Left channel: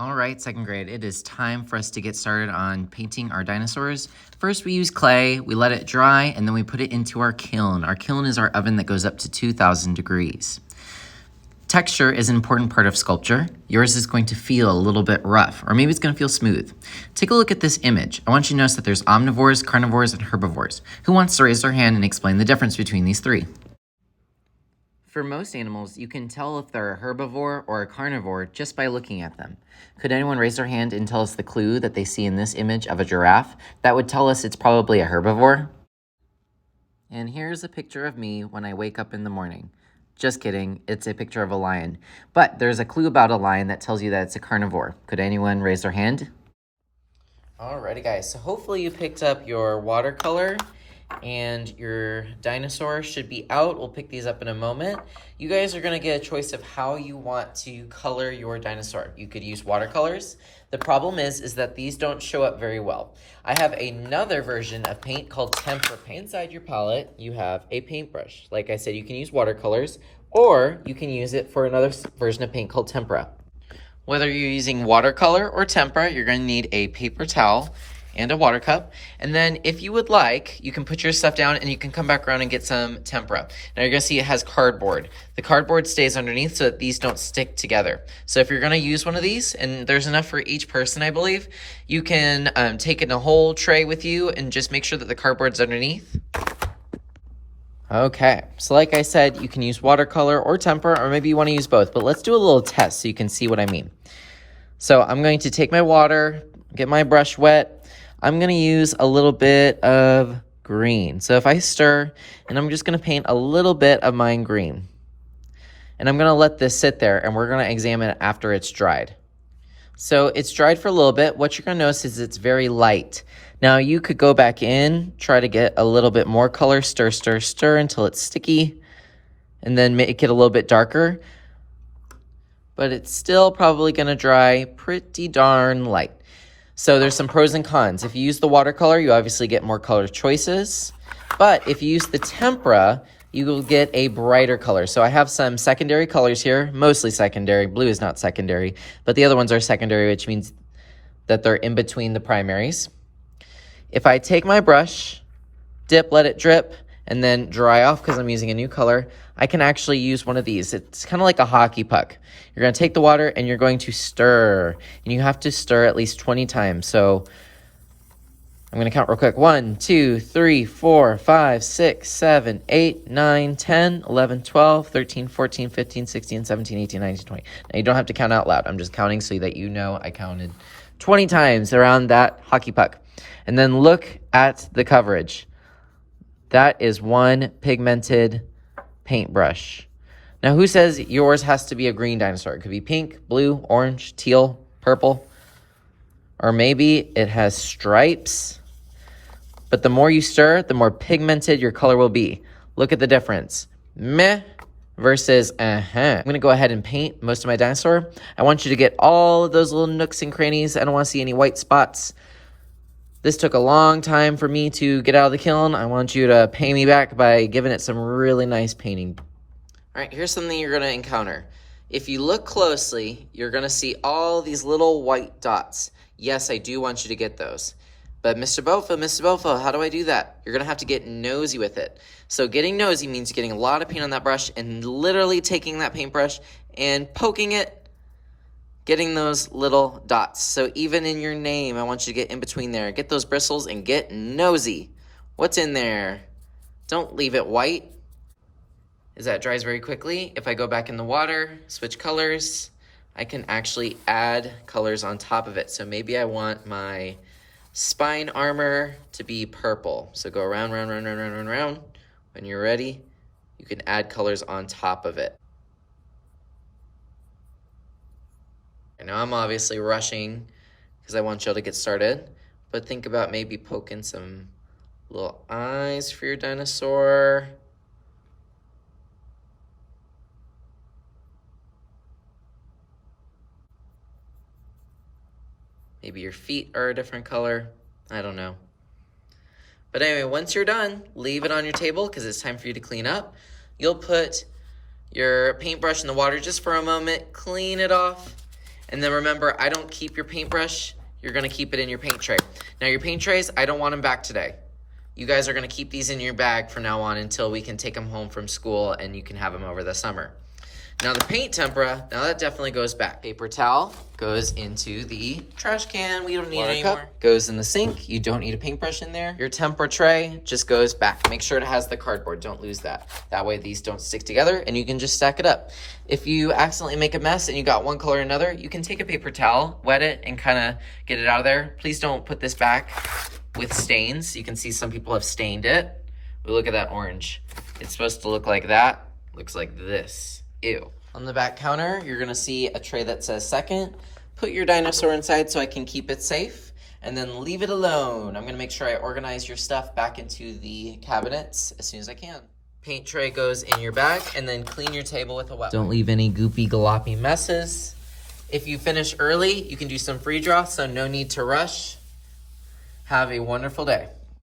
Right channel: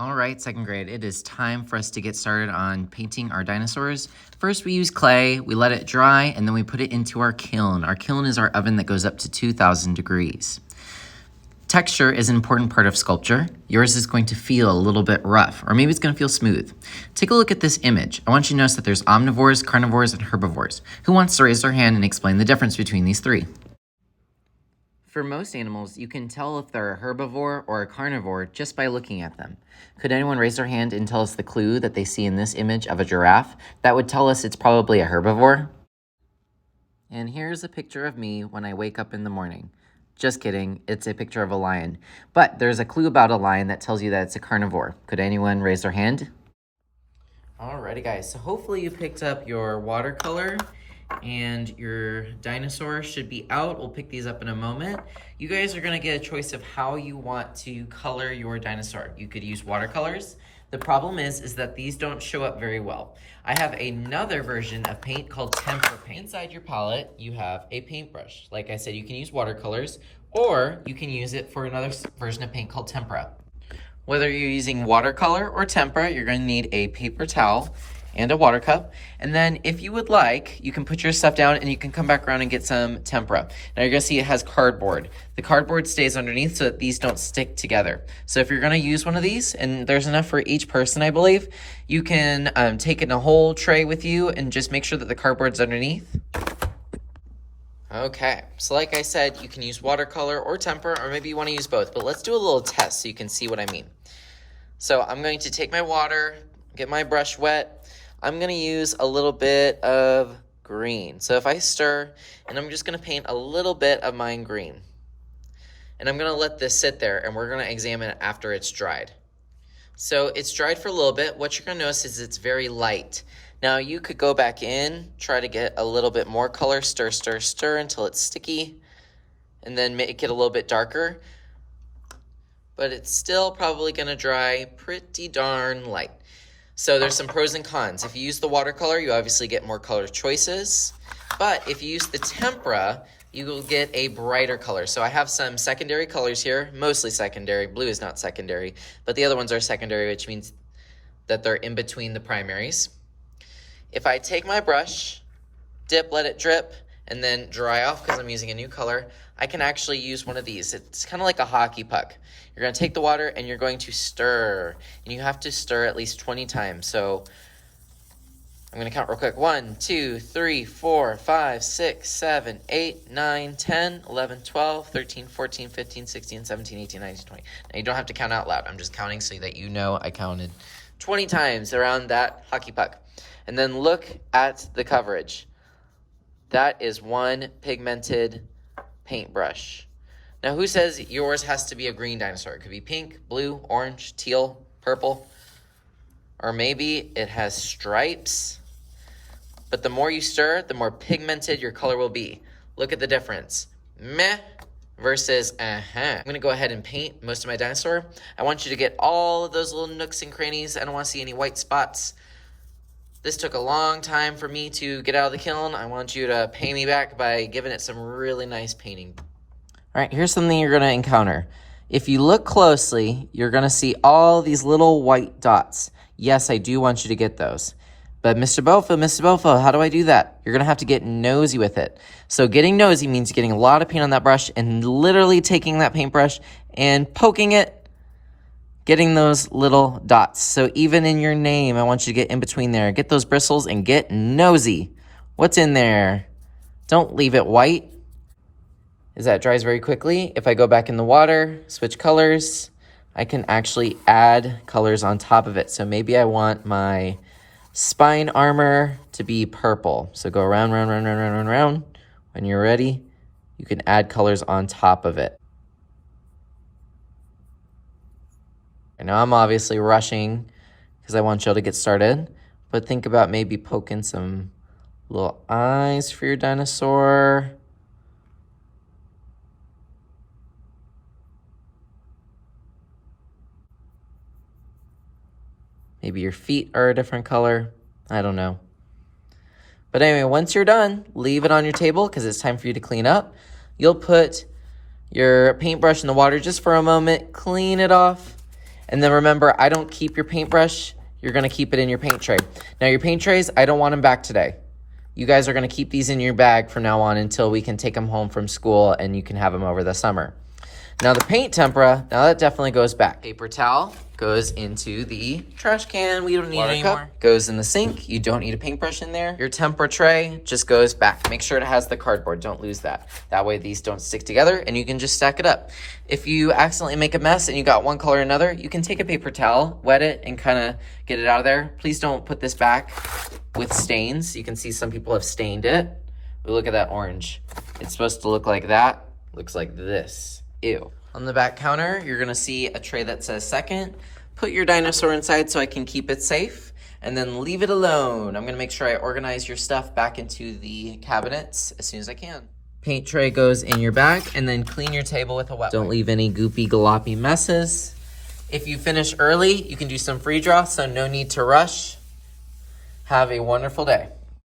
All right, second grade, it is time for us to get started on painting our dinosaurs. First, we use clay, we let it dry, and then we put it into our kiln. Our kiln is our oven that goes up to 2,000 degrees. Texture is an important part of sculpture. Yours is going to feel a little bit rough, or maybe it's going to feel smooth. Take a look at this image. I want you to notice that there's omnivores, carnivores, and herbivores. Who wants to raise their hand and explain the difference between these three? For most animals, you can tell if they're a herbivore or a carnivore just by looking at them. Could anyone raise their hand and tell us the clue that they see in this image of a giraffe? That would tell us it's probably a herbivore. And here's a picture of me when I wake up in the morning. Just kidding, it's a picture of a lion. But there's a clue about a lion that tells you that it's a carnivore. Could anyone raise their hand? Alrighty guys, so hopefully you picked up your watercolor and your dinosaur should be out. We'll pick these up in a moment. You guys are gonna get a choice of how you want to color your dinosaur. You could use watercolors. The problem is that these don't show up very well. I have another version of paint called tempera paint. Inside your palette, you have a paintbrush. Like I said, you can use watercolors, or you can use it for another version of paint called tempera. Whether you're using watercolor or tempera, you're gonna need a paper towel and a water cup. And then if you would like, you can put your stuff down and you can come back around and get some tempera. Now you're gonna see it has cardboard. The cardboard stays underneath so that these don't stick together. So if you're gonna use one of these, and there's enough for each person, I believe, you can take it in a whole tray with you and just make sure that the cardboard's underneath. Okay, so like I said, you can use watercolor or tempera, or maybe you wanna use both, but let's do a little test so you can see what I mean. So I'm going to take my water, get my brush wet. I'm gonna use a little bit of green. So if I stir, and I'm just gonna paint a little bit of mine green. And I'm gonna let this sit there and we're gonna examine it after it's dried. So it's dried for a little bit. What you're gonna notice is it's very light. Now you could go back in, try to get a little bit more color, stir, stir, stir until it's sticky, and then make it a little bit darker. But it's still probably gonna dry pretty darn light. So there's some pros and cons. If you use the watercolor, you obviously get more color choices. But if you use the tempera, you will get a brighter color. So I have some secondary colors here, mostly secondary. Blue is not secondary, but the other ones are secondary, which means that they're in between the primaries. If I take my brush, dip, let it drip, and then dry off because I'm using a new color, I can actually use one of these. It's kind of like a hockey puck. You're gonna take the water and you're going to stir. And you have to stir at least 20 times. So I'm gonna count real quick. 1, 2, 3, 4, 5, 6, 7, 8, 9, 10, 11, 12, 13, 14, 15, 16, 17, 18, 19, 20. Now you don't have to count out loud. I'm just counting so that you know I counted 20 times around that hockey puck. And then look at the coverage. That is one pigmented paintbrush. Now, who says yours has to be a green dinosaur? It could be pink, blue, orange, teal, purple, or maybe it has stripes. But the more you stir, the more pigmented your color will be. Look at the difference. Meh versus I'm gonna go ahead and paint most of my dinosaur. I want you to get all of those little nooks and crannies. I don't wanna see any white spots. This took a long time for me to get out of the kiln. I want you to pay me back by giving it some really nice painting. All right, here's something you're gonna encounter. If you look closely, you're gonna see all these little white dots. Yes, I do want you to get those. But Mr. Bofa, how do I do that? You're gonna have to get nosy with it. So getting nosy means getting a lot of paint on that brush and literally taking that paintbrush and poking it, getting those little dots. So even in your name, I want you to get in between there. Get those bristles and get nosy. What's in there? Don't leave it white. As that dries very quickly, if I go back in the water, switch colors, I can actually add colors on top of it. So maybe I want my spine armor to be purple. So go around, round, round, round, round, round, round. When you're ready, you can add colors on top of it. And now I'm obviously rushing because I want y'all to get started, but think about maybe poking some little eyes for your dinosaur. Maybe your feet are a different color. I don't know. But anyway, once you're done, leave it on your table because it's time for you to clean up. You'll put your paintbrush in the water just for a moment, clean it off, And then remember, I don't keep your paintbrush. You're gonna keep it in your paint tray. Now your paint trays, I don't want them back today. You guys are gonna keep these in your bag from now on until we can take them home from school and you can have them over the summer. Now the paint tempera, now that definitely goes back. Paper towel goes into the trash can. We don't need it anymore. Goes in the sink. You don't need a paintbrush in there. Your tempera tray just goes back. Make sure it has the cardboard. Don't lose that. That way these don't stick together and you can just stack it up. If you accidentally make a mess and you got one color or another, you can take a paper towel, wet it, and kind of get it out of there. Please don't put this back with stains. You can see some people have stained it. But look at that orange. It's supposed to look like that. Looks like this. Ew. On the back counter, you're gonna see a tray that says second. Put your dinosaur inside so I can keep it safe, and then leave it alone. I'm gonna make sure I organize your stuff back into the cabinets as soon as I can. Paint tray goes in your bag, and then clean your table with a wet wipe. Don't leave any goopy galoppy messes. If you finish early, you can do some free draw, so no need to rush. Have a wonderful day.